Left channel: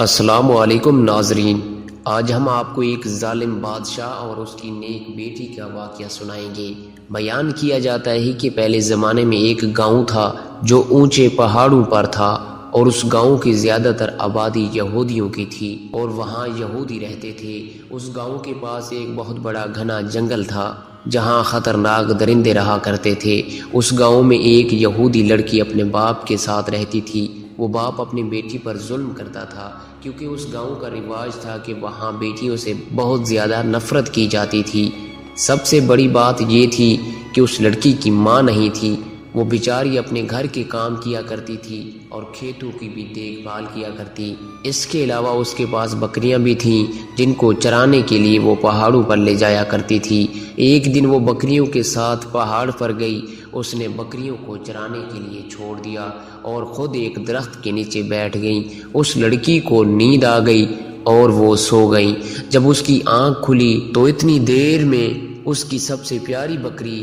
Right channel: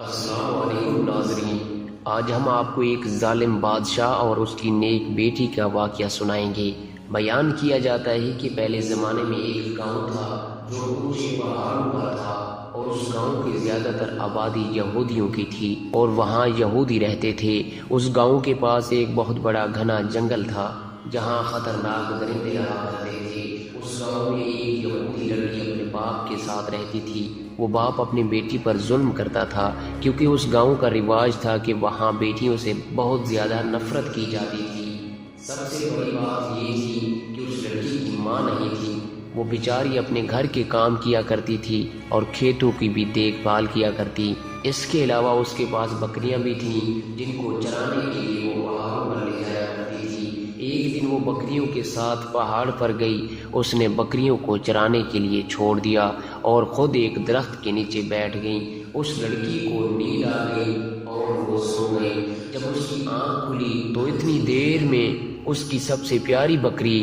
السلام علیکم ناظرین، آج ہم آپ کو ایک ظالم بادشاہ اور اس کی نیک بیٹی کا واقعہ سنائیں گے۔ بیان کیا جاتا ہے کہ پہلے زمانے میں ایک گاؤں تھا جو اونچے پہاڑوں پر تھا، اور اس گاؤں کی زیادہ تر آبادی یہودیوں کی تھی اور وہاں یہودی رہتے تھے۔ اس گاؤں کے پاس ایک بہت بڑا گھنا جنگل تھا جہاں خطرناک درندے رہا کرتے تھے۔ اس گاؤں میں ایک یہودی لڑکی اپنے باپ کے ساتھ رہتی تھی۔ وہ باپ اپنی بیٹی پر ظلم کرتا تھا کیونکہ اس گاؤں کا رواج تھا کہ وہاں بیٹیوں سے بہت زیادہ نفرت کی جاتی تھی۔ سب سے بڑی بات یہ تھی کہ اس لڑکی کی ماں نہیں تھی۔ وہ بیچاری اپنے گھر کے کام کیا کرتی تھی اور کھیتوں کی بھی دیکھ بھال کیا کرتی۔ اس کے علاوہ اس کے پاس بکریاں بھی تھیں جن کو چرانے کے لیے وہ پہاڑوں پر لے جایا کرتی تھی۔ ایک دن وہ بکریوں کے ساتھ پہاڑ پر گئی۔ اس نے بکریوں کو چرانے کے لیے چھوڑ دیا اور خود ایک درخت کے نیچے بیٹھ گئی۔ اس لڑکی کو نیند آ گئی اور وہ سو گئی۔ جب اس کی آنکھ کھلی تو اتنی دیر میں اس کی سب سے پیاری بکری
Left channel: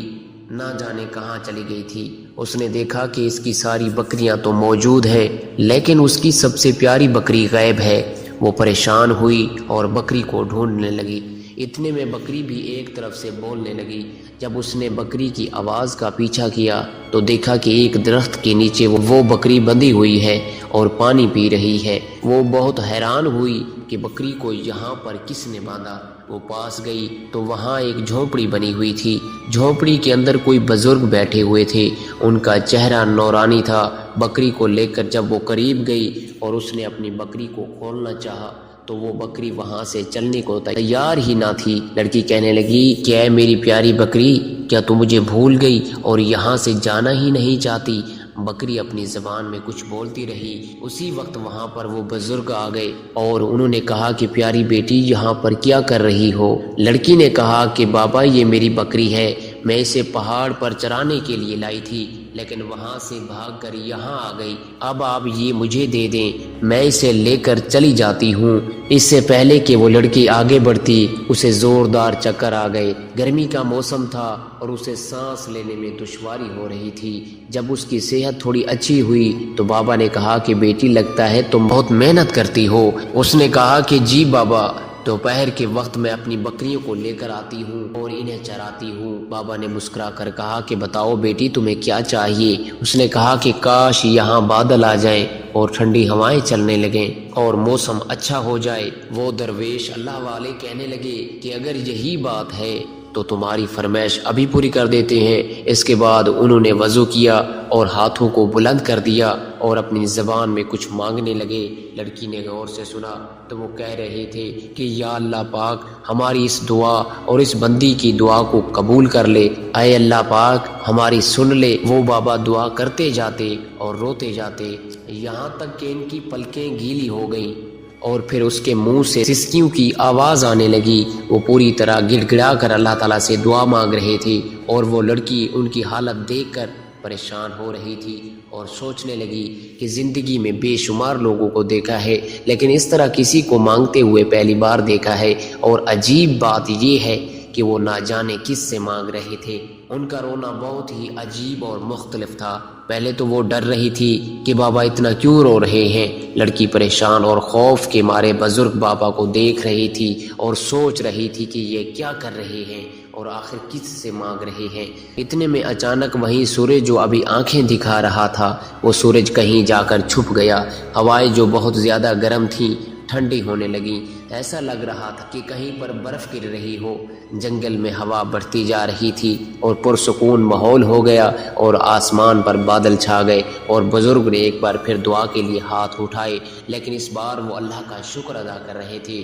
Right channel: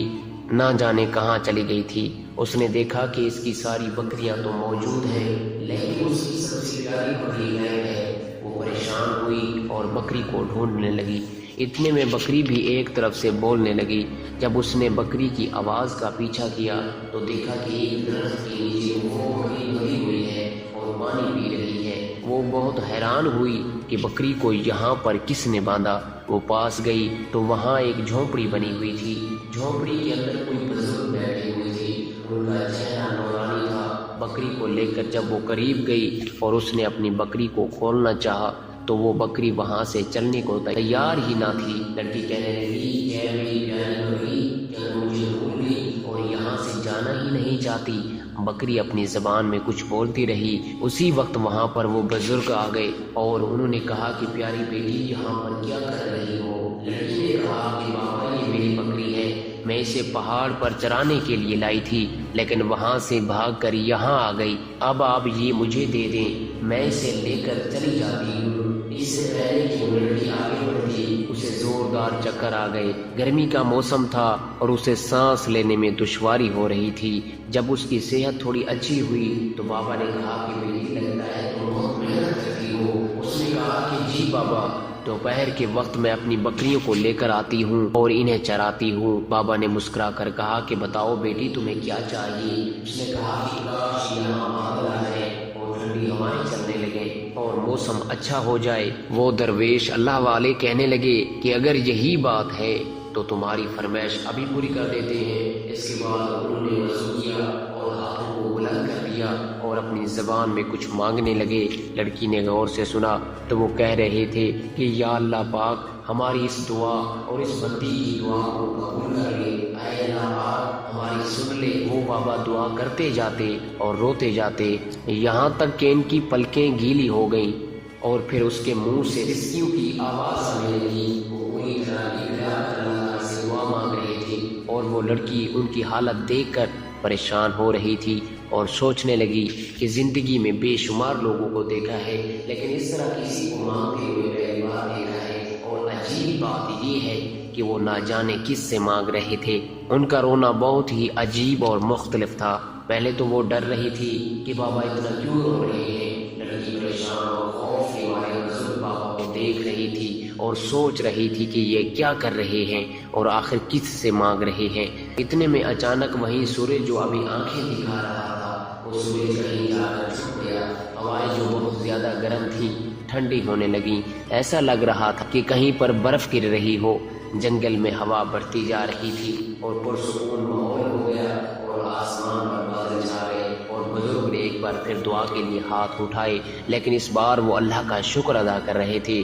نہ جانے کہاں چلی گئی تھی۔ اس نے دیکھا کہ اس کی ساری بکریاں تو موجود ہیں لیکن اس کی سب سے پیاری بکری غائب ہے۔ وہ پریشان ہوئی اور بکری کو ڈھونڈنے لگی۔ اتنے میں بکری بھی ایک طرف سے بولنے لگی۔ جب اس نے بکری کی آواز کا پیچھا کیا تو دیکھا کہ ایک درخت کے نیچے وہ بکری بندھی ہوئی ہے اور پانی پی رہی ہے۔ وہ بہت حیران ہوئی کہ بکری کو یہاں پر کس نے باندھا۔ وہ پاس گئی تو وہاں ایک جھونپڑی بنی ہوئی تھی۔ جھونپڑی کے اندر کوئی بزرگ بیٹھے ہوئے تھے۔ ان کا چہرہ نورانی تھا۔ بکری کو لے کر جب وہ قریب گئی اور اس نے اپنی بکری کو کھولنا چاہا تو وہ بکری وہاں سے چلنے کو تیار ہی نہ تھی۔ لڑکی کہنے لگی، کیا ہے میری پیاری بکری، کیا تو مجھے بھول گئی اور یہاں سے جانا ہی نہیں چاہتی؟ بکری اپنی زبان میں کچھ بولتی رہی۔ اسی وقت وہاں پر وہ بزرگ آ گئے اور انہوں نے کہا کہ پیاری بیٹی یہاں پر کیا کر رہی ہو؟ لڑکی نے کہا کہ بابا یہ میری بکری ہے، میں اسے پہاڑ پر چرانے کے لیے لائی تھی لیکن وہاں سے بھاگ کر یہاں آ گئی۔ اب آپ یہ مجھے دے دیں، میں اسے لے کر چلی جاتی ہوں۔ اس سے پہلے کہ وہ لڑکی آگے بڑھتی اسے زوردار چکر آ گئے۔ گرمی کا موسم تھا اور اسے سانس لینے میں دشواری ہو رہی تھی۔ جب اس کی صحت تھوڑی اچھی ہوئی تو بابا نے کہا کہ بیٹی لگتا ہے تم بہت محنت کرتی ہو۔ اس نے کہا کہ جی بابا، دوپہر کے وقت میں اپنی بکریوں کو لے کر آتی ہوں اور انہیں چراتی ہوں۔ بابا نے مسکرا کر کہا کہ بتاؤ بیٹی تمہیں کیا چاہیے؟ اس نے کہا کہ کاش یہاں بادل آ جائیں اور ٹھنڈی ہوائیں چلنے لگیں اور موسم اچھا ہو جائے۔ وہ درویش اللہ والے کہنے لگے کہ اگر یہی بات ہے تو تمہاری فرمائش ابھی پوری کر دیتے ہیں۔ اس کے بعد انہوں نے وضو کیا اور ہاتھوں کو بلند کر دیا اور اپنی زبان میں کچھ مانگنے لگے۔ لڑکی نے غور سے سنا تو وہ کہہ رہے تھے کہ یا اللہ پاک ہماری اس دعا اور اس بندی کی دعا کو قبول کر لے۔ اے اللہ پاک ہماری سن لے۔ وہ بابا دعا کرتے جاتے اور روتے جاتے یہاں تک کہ ان کی پلکیں گیلی ہو گئیں اور پھر اس کے منہ سے سسکیوں کی آواز آنے لگی۔ وہ پوری طرح گڑ گڑا کر اللہ تعالیٰ سے دعا مانگ رہے تھے اور وہ لڑکی ان کی حالت دیکھ کر پریشان ہو رہی تھی اور سوچنے لگی کہ زندگی میں بے شمار لوگوں کو دیکھا ہے لیکن اس طرح کسی کو مانگتے ہوئے پہلی بار دیکھا ہے، اور عجیب بات یہ ہے کہ وہ نہ جانے کس سے مانگ رہے تھے۔ ان کا رونا بہت ہی عجیب اور مختلف تھا۔ پہلے تو وہ ڈر رہی تھی کہ بابا اتنا کیوں رو رہے ہیں۔ لڑکی پریشان اور خوف کے مارے بزرگ بابا کو دیکھ رہی تھی اور سوچ رہی تھی کہ یہ کیا کر رہے ہیں اور آخر کس سے مانگ رہے ہیں۔ اتنے میں اچانک وہیں سورج جو ابھی آنکھیں دکھا رہا تھا وہ سورج کہیں جا کر چھپ گیا۔ ہوائیں جو بہت زیادہ گرم تھیں ٹھنڈی ہونے لگیں۔ ایسا لگ رہا تھا کہ کہیں پر برف گر رہی ہو۔ جنگل میں ہوا بڑھتی جا رہی تھی اور پرسکون ماحول ہو گیا اور آسمان پر بادل چھا گئے، اور بزرگ نے ایک بار پھر دعا کے لیے ہاتھ اٹھائے لیکن اس بار وہ اللہ کا شکر ادا کر رہے تھے۔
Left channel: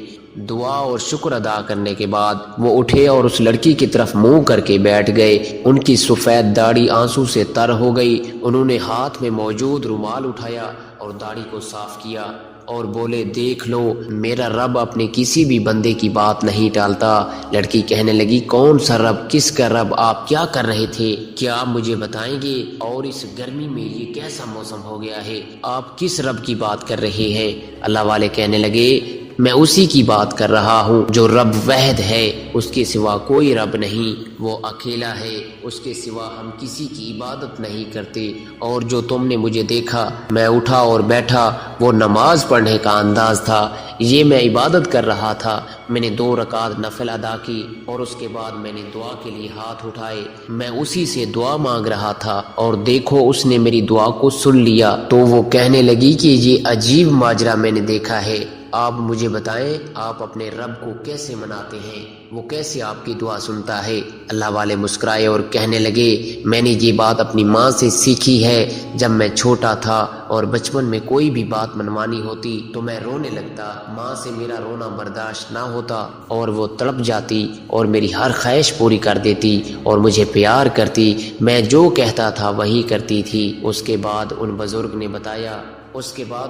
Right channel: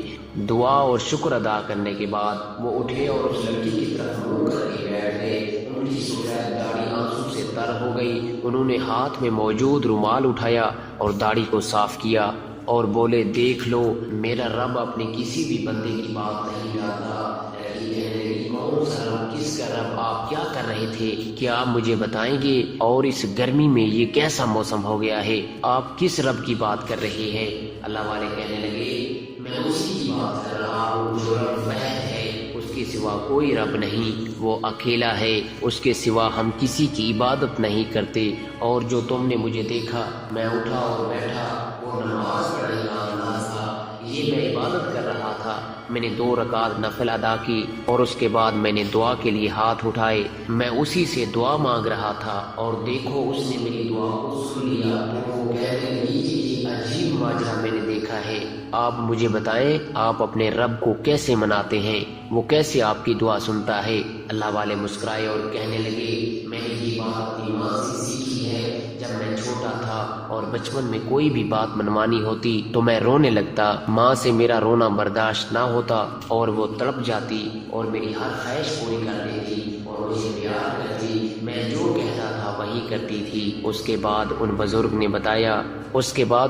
دعا اور شکر ادا کرنے کے بعد وہ اٹھے اور اس لڑکی کی طرف منہ کر کے بیٹھ گئے۔ ان کی سفید داڑھی آنسو سے تر ہو گئی۔ انہوں نے ہاتھ میں موجود رومال اٹھایا اور داڑھی کو صاف کیا اور بولے، دیکھ لو میرا رب اپنے کسی بھی بندے کی بات نہیں ٹالتا۔ لڑکی کہنے لگی، کون سا رب، کس کا رب، آپ کیا کر رہے تھے؟ کیا آپ مجھے بتائیں گے؟ اور اس گرمی میں یہ کیسا موسم ہو گیا ہے؟ آپ کس رب کی بات کر رہے ہیں؟ اللہ والے کہنے لگے میں اسی کی بات کر رہا ہوں جو رب واحد ہے، اس کے سوا کوئی رب نہیں، وہ اکیلا ہے، اس کے سوا ہم کسی کی عبادت نہیں کرتے۔ اور جو تم نے مجھے دیکھا میں اٹھا اور بیٹھا، وہ نماز پڑھنے کا انداز تھا، یہ میں عبادت کر رہا تھا۔ میں نے 2 رکعت نفل ادا کی اور اس کے بعد میں نے دعا کے لیے ہاتھ اٹھائے، میں اسی سے دعا مانگ رہا تھا، اور دیکھو اس نے میری دعا کو سن لیا۔ تو وہ کہنے لگی کہ یہ عجیب ماجرا میں نے دیکھا ہے، آپ مجھے بتائیں آپ اپنے رب کو کیسے مناتے ہیں، وہ کیسے آپ کی دعا سنتا ہے؟ اللہ والے مسکرائے اور کہنے لگے، میں نے یہ بات اپنی ماں سے سیکھی ہے۔ جب میں چھوٹا تھا اور بچپن میں کوئی بھی بات منوانی ہوتی تو میں رونے لگتا، ماں سے میرا رونا برداشت نہ ہوتا اور وہ تڑپ جاتی اور میری ہر خواہش پوری کر دیتی اور مجھے پیار کرتی، میں جو کہتا تھا وہی کرتی تھی۔ اس کے بعد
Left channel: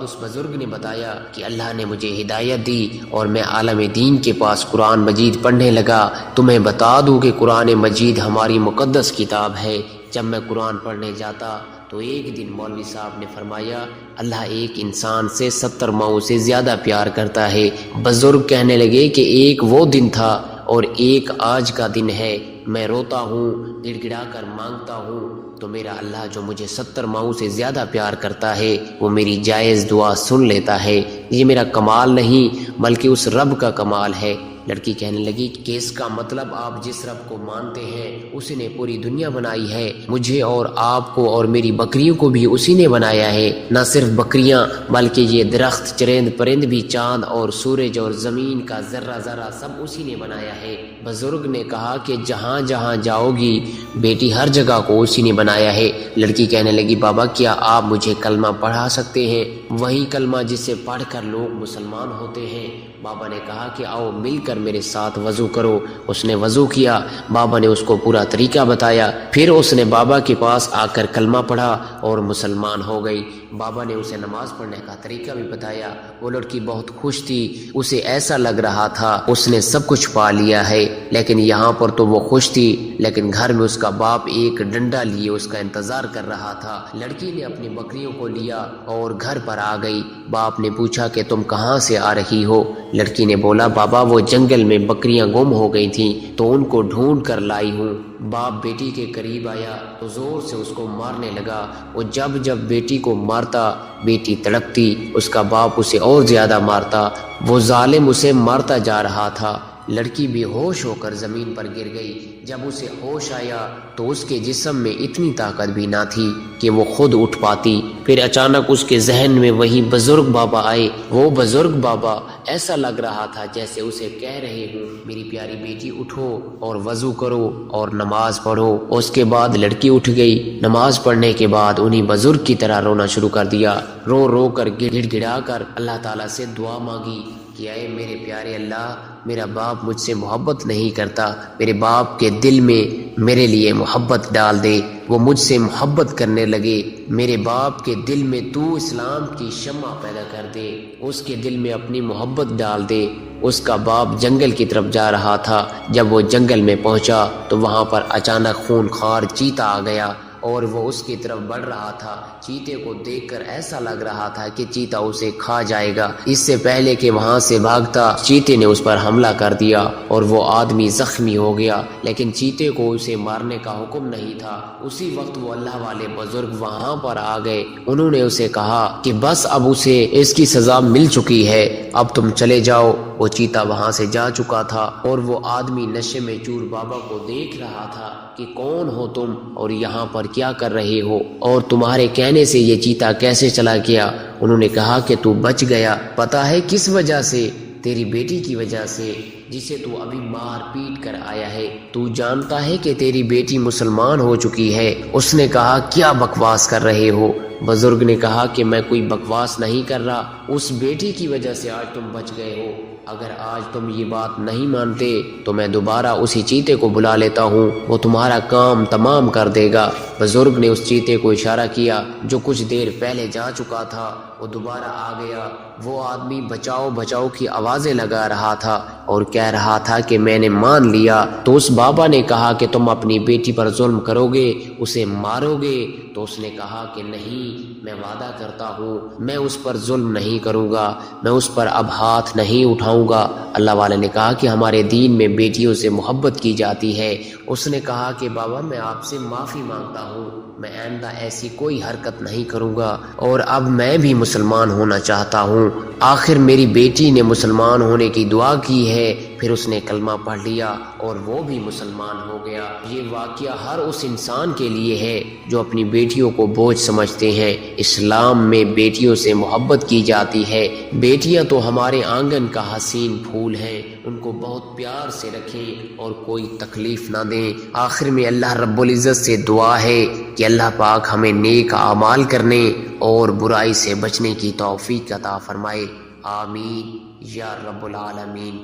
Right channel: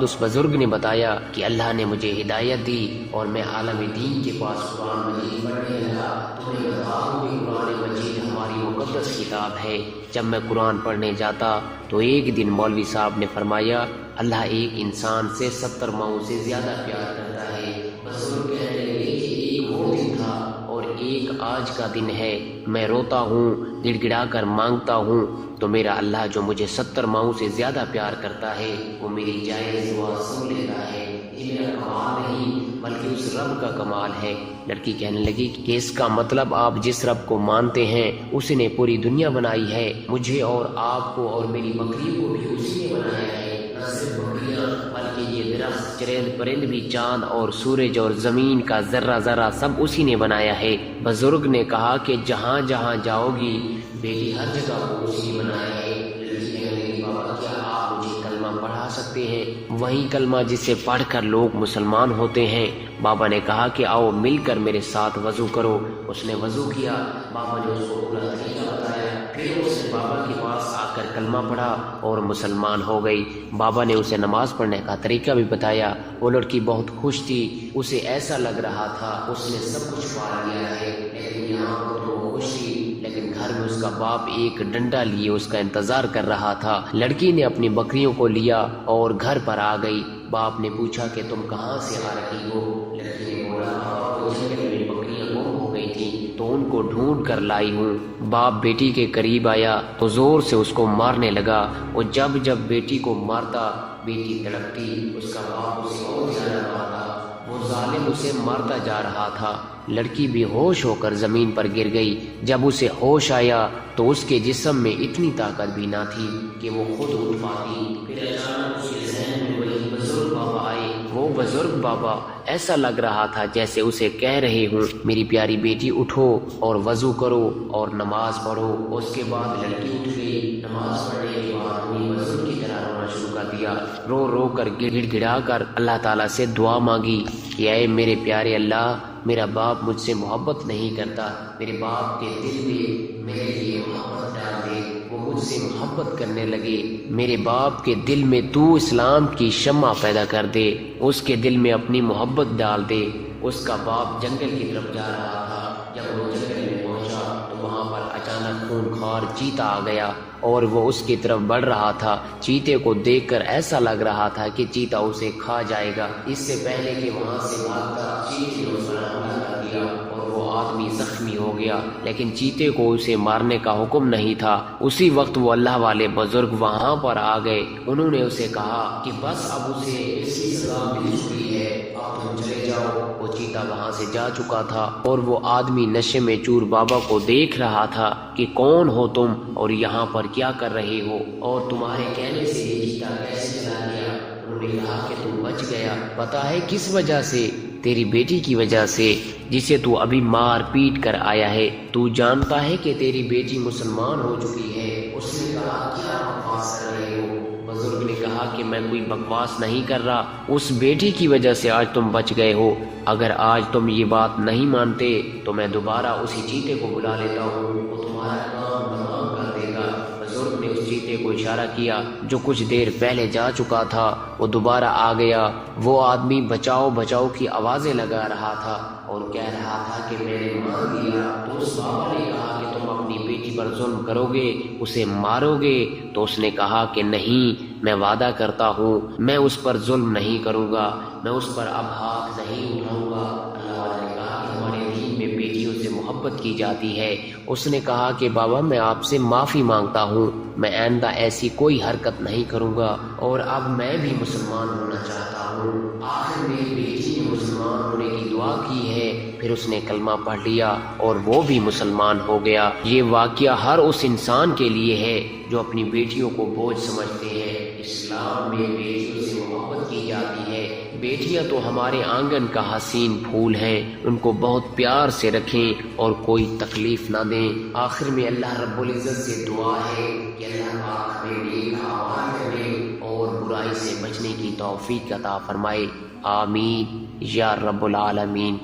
اس بزرگ نے بتایا کہ اللہ نے مجھے ہدایت دی اور میں عالم دین کے پاس قرآن مجید پڑھنے لگا۔ تمہیں بتا دوں کہ قرآن مجید ہماری مقدس کتاب ہے۔ جب میں قرآن پڑھنے جاتا تو ایک دن مولوی صاحب نے فرمایا، اللہ ایک انسان سے 70 ماؤں سے زیادہ پیار کرتا ہے۔ بزرگ کہنے لگے کہ ایک وہ دن تھا اور ایک آج کا دن ہے، میں روتا ہوں، گڑ گڑا کر مانگتا ہوں تو میرا اللہ جو مجھے 70 ماؤں سے زیادہ پیار کرتا ہے وہ میری جائز دعا سن لیتا ہے۔ یہ میرا کمال نہیں بلکہ اس رب کا کمال ہے۔ لڑکی کہنے لگی کہ اس کا مطلب آپ جس رب کو مانتے ہیں اسی نے پوری دنیا بنائی ہے، مجھے اور آپ کو اور میری بکریوں کو بھی اسی نے بنایا ہے، نہ صرف بکریاں بلکہ یہ درخت، چرند پرند بھی، چاند اور سورج اور زمین کا ذرہ ذرہ سب اسی نے بنایا ہے۔ بزرگ نے کہا کہ جہاں جہاں جاؤ گی بیٹی ہر جگہ کو اسی نے بنایا ہے۔ لڑکی کہنے لگی، بابا کیا آپ مجھے کلمہ پڑھا سکتے ہیں، وہی کلمہ جسے پڑھ کر لوگ مسلمان ہوتے ہیں؟ بابا نے کہا کہ آؤ مل کر میرے ساتھ وضو کرو۔ اس نے وضو کیا، بابا نے اس کو پورا طریقہ بتایا، پھر اس نے بابا کے پاس آ کر کلمہ پڑھا اور مسلمان ہو گئی۔ بابا نے اسے نماز پڑھنے کا طریقہ بھی بتایا۔ وہ لڑکی بہت خوش تھی، اسے ایسا لگ رہا تھا اس نے سب کچھ پا لیا ہے، لیکن یہاں پر تو وہ خوش تھی، لیکن گھر میں اس کا باپ ایک ڈنڈا لیے اس کا انتظار کر رہا تھا۔ لڑکی نے اپنی بکریوں کو لیا اور گھر پر آ گئی۔ باپ نے پوچھا کہ تم کہاں سے آ رہی ہو؟ لڑکی نے بولا، بابا وہ جنگل میں بکریاں گم ہو گئی تھیں تو ان کو ڈھونڈ کر لائی ہوں۔ باپ بیٹی کے قریب آیا تو زور سے اس کو مارنے لگا۔ وہ جب بیٹی کو مارتا بیٹی تڑپتی، اس کا باپ اسے اور زیادہ مارتا، وہ ظالم اسے مارتا جا رہا تھا۔ لڑکی بے ہوش ہو کر زمین پر گر گئی۔ جب اسے ہوش آیا تو اس کے جسم میں اتنی طاقت بھی نہ تھی کہ وہ خود اٹھ پاتی۔ پھر اچانک اس کے ذہن میں وہی بزرگ بابا آئے۔ وہ بزرگ بابا ایسا لگ رہا تھا جیسے اسے کہہ رہے ہوں، میری پیاری بیٹی اٹھو اور وضو کرو اور نماز پڑھو۔ اس کے بعد لڑکی اٹھ گئی۔ نماز پڑھنے کے بعد انہیں بزرگ کی طرح رونا شروع کر دیا، رو رو کر گڑ گڑا کر اللہ تعالیٰ سے دعا مانگی کہ اے میرے پیارے اللہ، میرا باپ مجھ سے محبت نہیں کرتا، میرے باپ کے دل میں میرے لیے محبت ڈال دے، وہ مجھ سے محبت کرنے لگے۔ میرے باپ کے دل میں تو اسلام کی شمع پیدا کر دے، اس کے دل میں اپنی محبت ڈال دے۔ اس کا باپ جنگل کی طرف جا رہا تھا۔ جب وہ جنگل میں پہنچا تو وہاں پر اچانک خونخوار چیتا آ گیا اور وہ اس کی طرف بڑھ رہا تھا۔ چیتے کو دیکھ کر ایسا لگ رہا تھا کہ چیتا اسے کھا جائے گا۔ اس سے پہلے کہ وہاں سے بھاگتا، چیتے نے اس پر حملہ کر دیا اور وہ آدمی زخمی ہو گیا، لیکن چیتے کو اسے مارنے کا حکم نہیں تھا۔ اسی وقت وہ اللہ والے بزرگ وہاں پر آ گئے۔ انہوں نے اسے کہا کہ بس اب اسے اس کی سزا مل چکی ہے، اب تم چلے جاؤ۔ وہ چیتا وہاں سے جا چکا تھا اور وہ آدمی نشے میں چور بابا کو دیکھ رہا تھا کہ کون ہو تم اور یہاں پر کیا کر رہے ہو، اور تمہارے کہنے سے یہ چیتا کیسے چلا گیا؟ انہوں نے کہا کہ تو بچ گیا، پتا ہے کس وجہ سے؟ تیری بیٹی کی وجہ سے، جسے تو ابھی مار پیٹ کر آیا ہے۔ تو جانتا ہے کہ تیری بیٹی مسلمان ہو چکی ہے؟ اس نے کہا کیا بکواس کر رہے ہو؟ بزرگ نے کہا کہ میں کوئی بکواس نہیں کر رہا، اس بیٹی کی وجہ سے آج تم بچ گئے ہو۔ اگر آج تم یہ بات نہیں مانتے تو میں دوبارہ اسی چیتے کو بلا لیتا ہوں، وہ تمہارا کام تمام کر دے گا۔ بزرگ نے اس چیتے کو اشارہ کیا جو کچھ دیر پہلے جا چکا تھا، وہ دوبارہ آ گیا۔ وہ آدمی بچاؤ بچاؤ کی آوازیں لگا رہا تھا اور کہہ رہا تھا کہ میں نے مان لیا۔ تو اس بابا نے کہا کہ تم اپنی بیٹی پر ظلم کرو گے، اسے مارو گے؟ تو اس نے کہا کہ نہیں، میں وعدہ کرتا ہوں میں اس پر ظلم نہیں کروں گا، میں اس پر اب ہاتھ نہیں اٹھاؤں گا۔ اللہ والے نے کہا کہ ہمارے دین میں بیٹیوں سے محبت کی جاتی ہے۔ اس نے کہا کہ بابا میں آپ سے معافی مانگتا ہوں، میں آئندہ ایسی کوئی حرکت نہیں کروں گا، اور اب میں بھی مسلمان ہونا چاہتا ہوں۔ آخر میری بیٹی نے مسلمان ہونے کی دعا کی ہے، پھر اس نے کلمہ پڑھ لیا اور وہ بھی مسلمان ہو گیا۔ یہ واقعہ ہر اس انسان کے لیے ہے جو اپنی بیٹیوں کو بوجھ سمجھتے ہیں۔ اسلام میں بیٹیوں سے محبت کی جاتی ہے۔ بیٹیاں تو ہمارے آنگن کا حسین پھول ہیں، ان کو بہت پیار سے رکھیں اور کوئی تکلیف نہ دیں۔ آخر میں اللہ رب العزت سے دعا ہے کہ اللہ پاک ہمیں نیک اعمال کرنے اور برائی سے بچنے کی توفیق عطا فرمائے۔ آمین یا رب العالمین۔